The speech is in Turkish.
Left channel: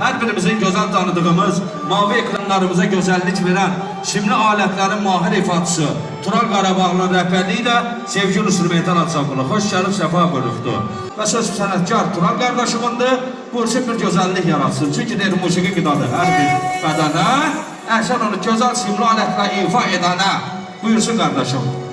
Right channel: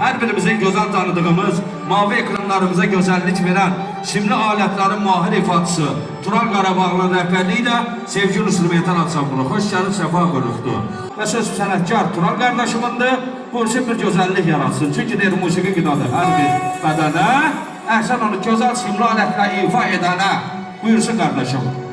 her birimizin güzel tanıdığımız, mavi ekranlarımıza güzellik veren, simli aletlerin mahir ifadısı, Tural Qarabağlı'nın rəhbərliyi sevgili instrumental ansamblı. Hoş gəlib, səfa buyurubdur. Və söz sənətkar Tural qardaşımındır. Buyursun bir güzellik yaratsın. Çünkü deyir, musiqi qidadır. Hər bir bədənə, əhsən onu güzel simli aletlə ifa edənə. Buyursun qardaşım.